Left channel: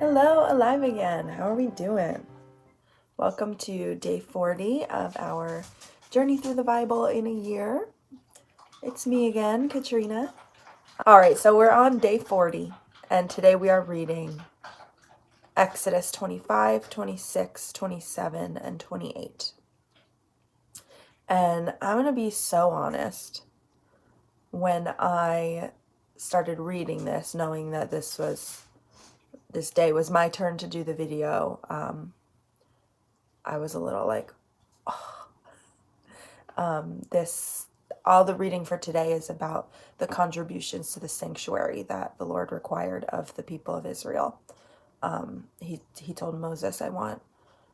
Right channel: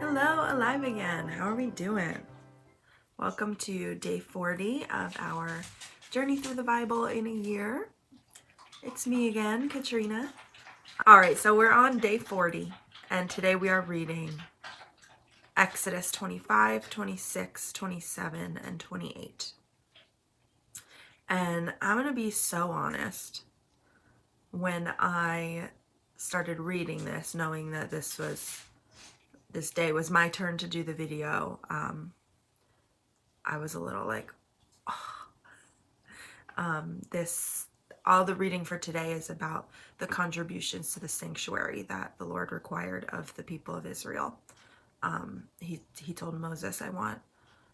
Hello, alive again. How are we doing? Welcome to day 40 of our journey through the Bible in a year. It's me again, Katrinah. All right, so we're on day 40, and today we are reading Exodus 25, 26, 27, and 28. And I'm going to be so honest. When I started reading this, knowing that this day was my turn to do the video, I was a little like, all the reading for today is about the contributions to the sanctuary that the Lord required of the people of Israel. He told Moses, I want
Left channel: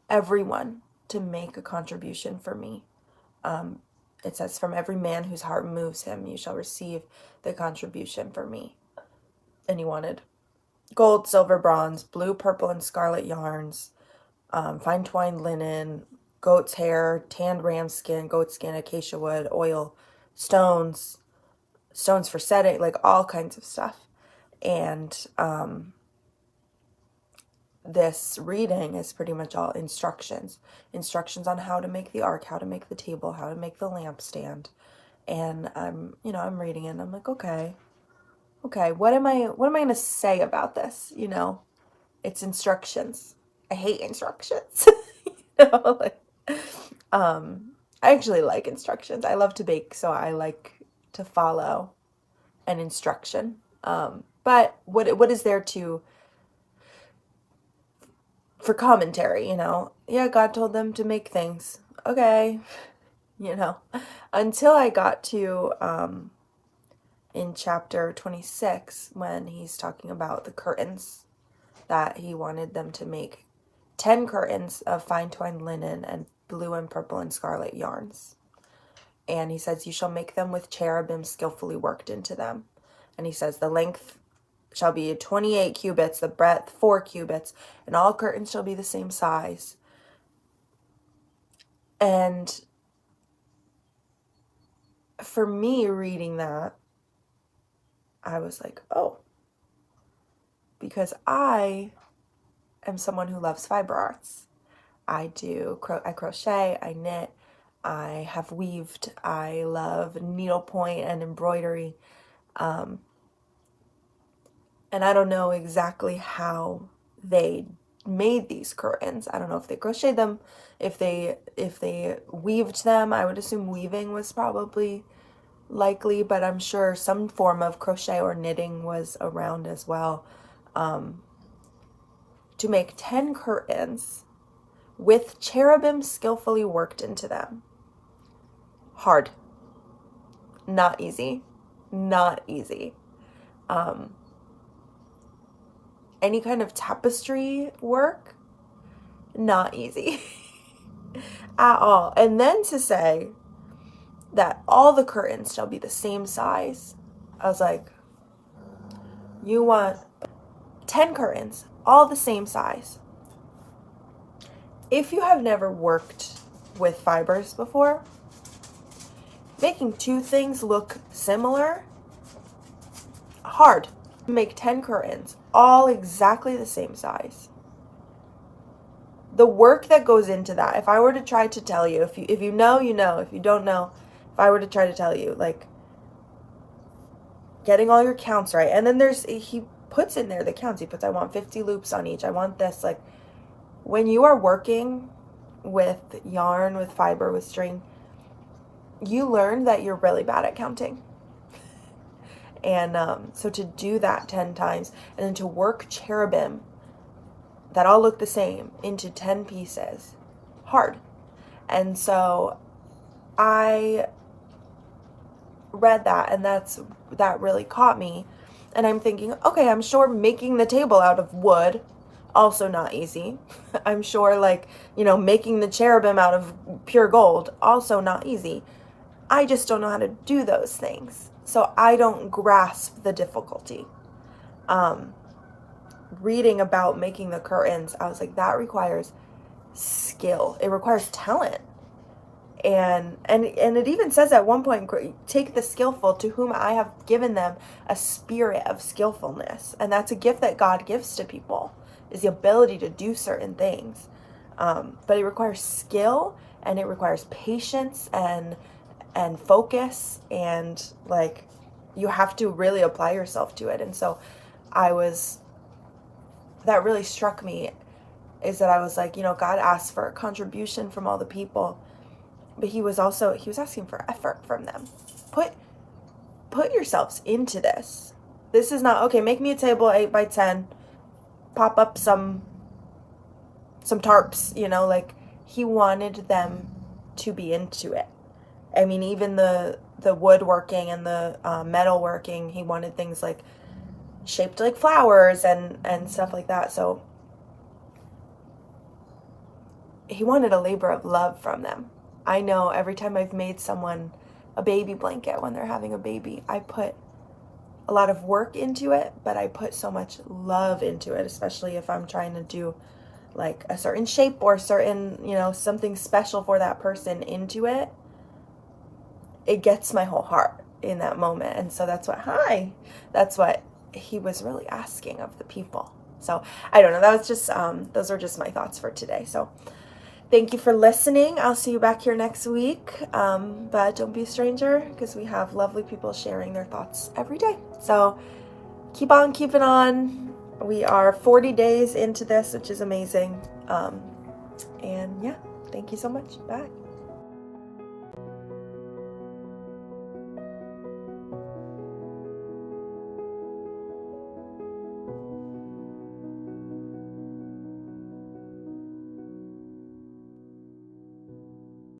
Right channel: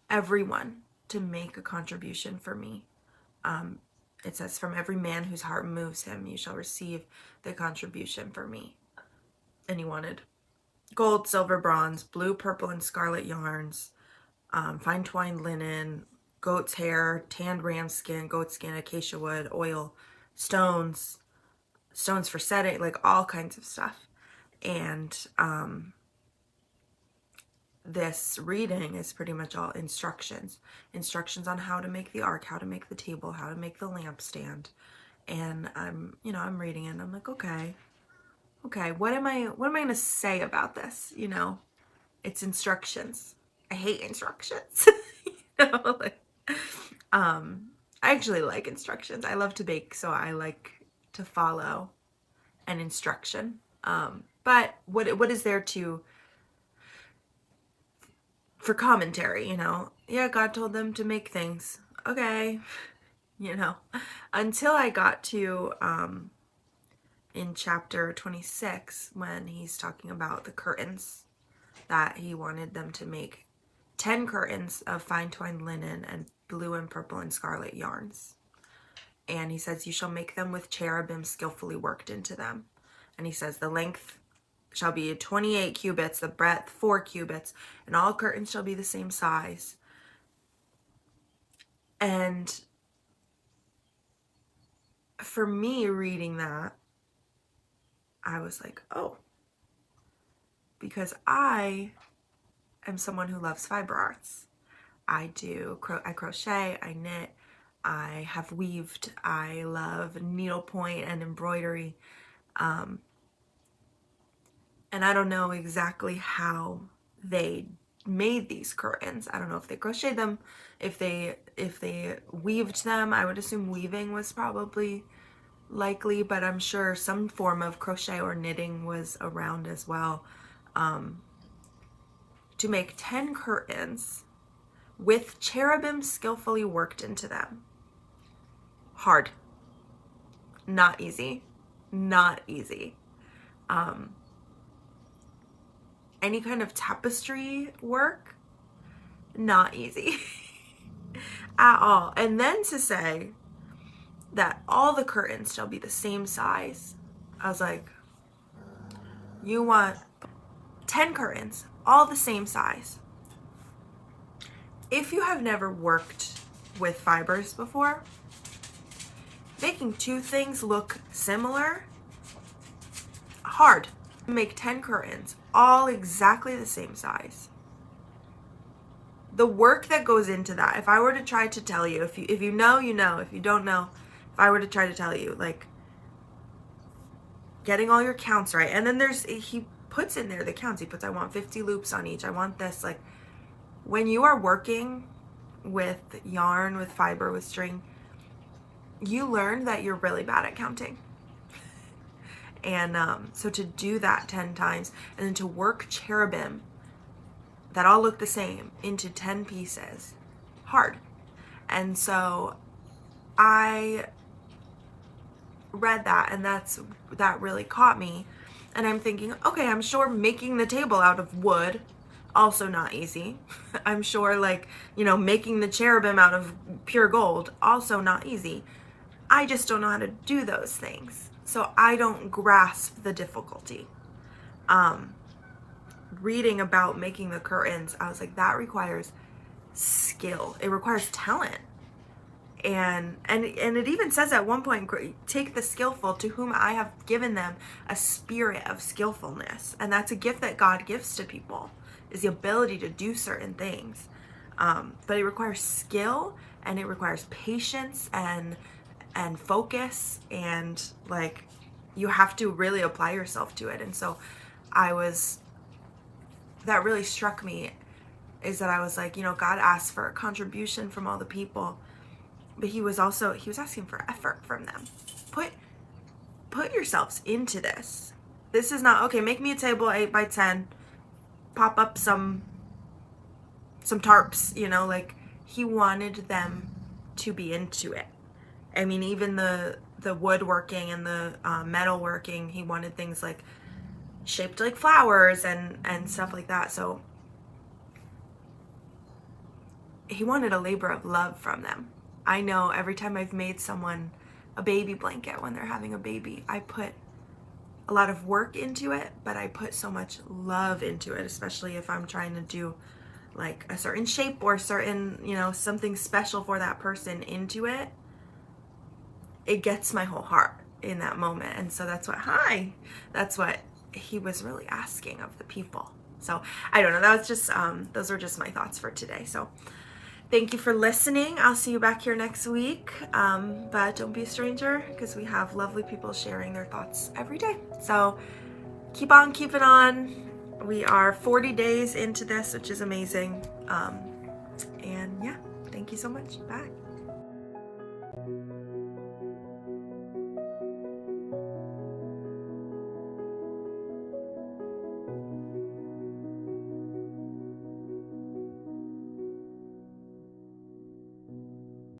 everyone to make a contribution for me. It says, from every man whose heart moves him, you shall receive the contribution for me. And he wanted gold, silver, bronze, blue, purple, and scarlet yarns, fine twined linen, goat's hair, tanned ram skin, goat skin, acacia wood, oil, stones for setting, like all kinds of stuff. And this reading is pretty much all instructions on how to make the ark, how to make the table, how to make the lampstand. And I'm reading it and I'm like, okay, what am I going to say about this? It's instructions. I hate instructions. I actually like instructions. I love to bake, so I like to follow an instruction. But what is there for commentary, Yeah, God told them to make things. Okay. Until I got to in chapter 26, when he's talking about the curtains, that he wanted them to make 10 curtains of fine twined linen and blue and purple and scarlet yarns. And he says, you shall make them with cherubim skillfully worked into them. And he says, the length shall be 28 cubits, the breadth 4 cubits, and all curtains shall be the same size. And for me, reading that, I was like, oh, because I am someone who loves fiber arts. I crochet, I knit, I have weaved, I love needlepoint and embroidery. And I don't know exactly how they made these curtains. I don't know if they crocheted them, if they weaved them. I would assume weaving was probably likely, but I'm sure some form of crochet or knitting was around as well. To make 10 curtains with cherubim skillfully worked into them. Hard. Not easy. Not easy. Any kind of tapestry work, not easy at all. And then to say that all the curtains shall be the same size, I was like, you want 10 curtains, all the same size. If you have never worked with fibers before, making two things look similar, hard. Make 10 curtains, all exactly the same size. The work that goes into that, if I were to try to tell you, if you know, you know. If you don't know, if I were to try to tell you, like, getting all your counts right. And then he puts in there the counts. He puts, I want 50 loops on each. I want this. Like, when you are working with yarn, with fiber, with string, you learn that you're really bad at counting. And so to do that 10 times and then to work cherubim that all look the same into 10 pieces, hard. And so I read that, and that really caught me. And I'm thinking, okay, I'm sure making the table out of wood, also not easy. I'm sure, making the cherubim out of pure gold, also not easy. I just don't know how to do those things. So I don't grasp the difficulty. Reading about making the curtains, I was like, that requires skill. It requires talent. And it even says at one point, take the skillful, to whom I have given them a spirit of skillfulness. And that's a gift that God gives to people. is the ability to do certain things. But it requires skill, and it requires patience and focus, and like you have to really apply yourself to it. And so that really struck me, is that I was like, God asked for a contribution from all the people, but he was asking for effort from them. Put yourselves into this. This is not, okay, make me a table 8 by 10, pop up some tarps, like he wanted them to be into it. I mean, even the woodworking and the metalworking, he wanted things like shaped like flowers and stuff like that. So he wanted a labor of love from them. I know every time I've made someone a baby blanket when they're having a baby, I put a lot of work into it, but I put so much love into it, especially if I'm trying to do like a certain shape or certain, something special for that person into it. It gets my whole heart in that moment. And so that's what he was really asking of the people. So I don't know. That was just, those are just my thoughts for today. So thank you for listening. I'll see you back here next week. But don't be a stranger, because we have lovely people sharing their thoughts every day. So keep on keeping on. We are 40 days into this, which is amazing. And yeah, thank you so much. Bye.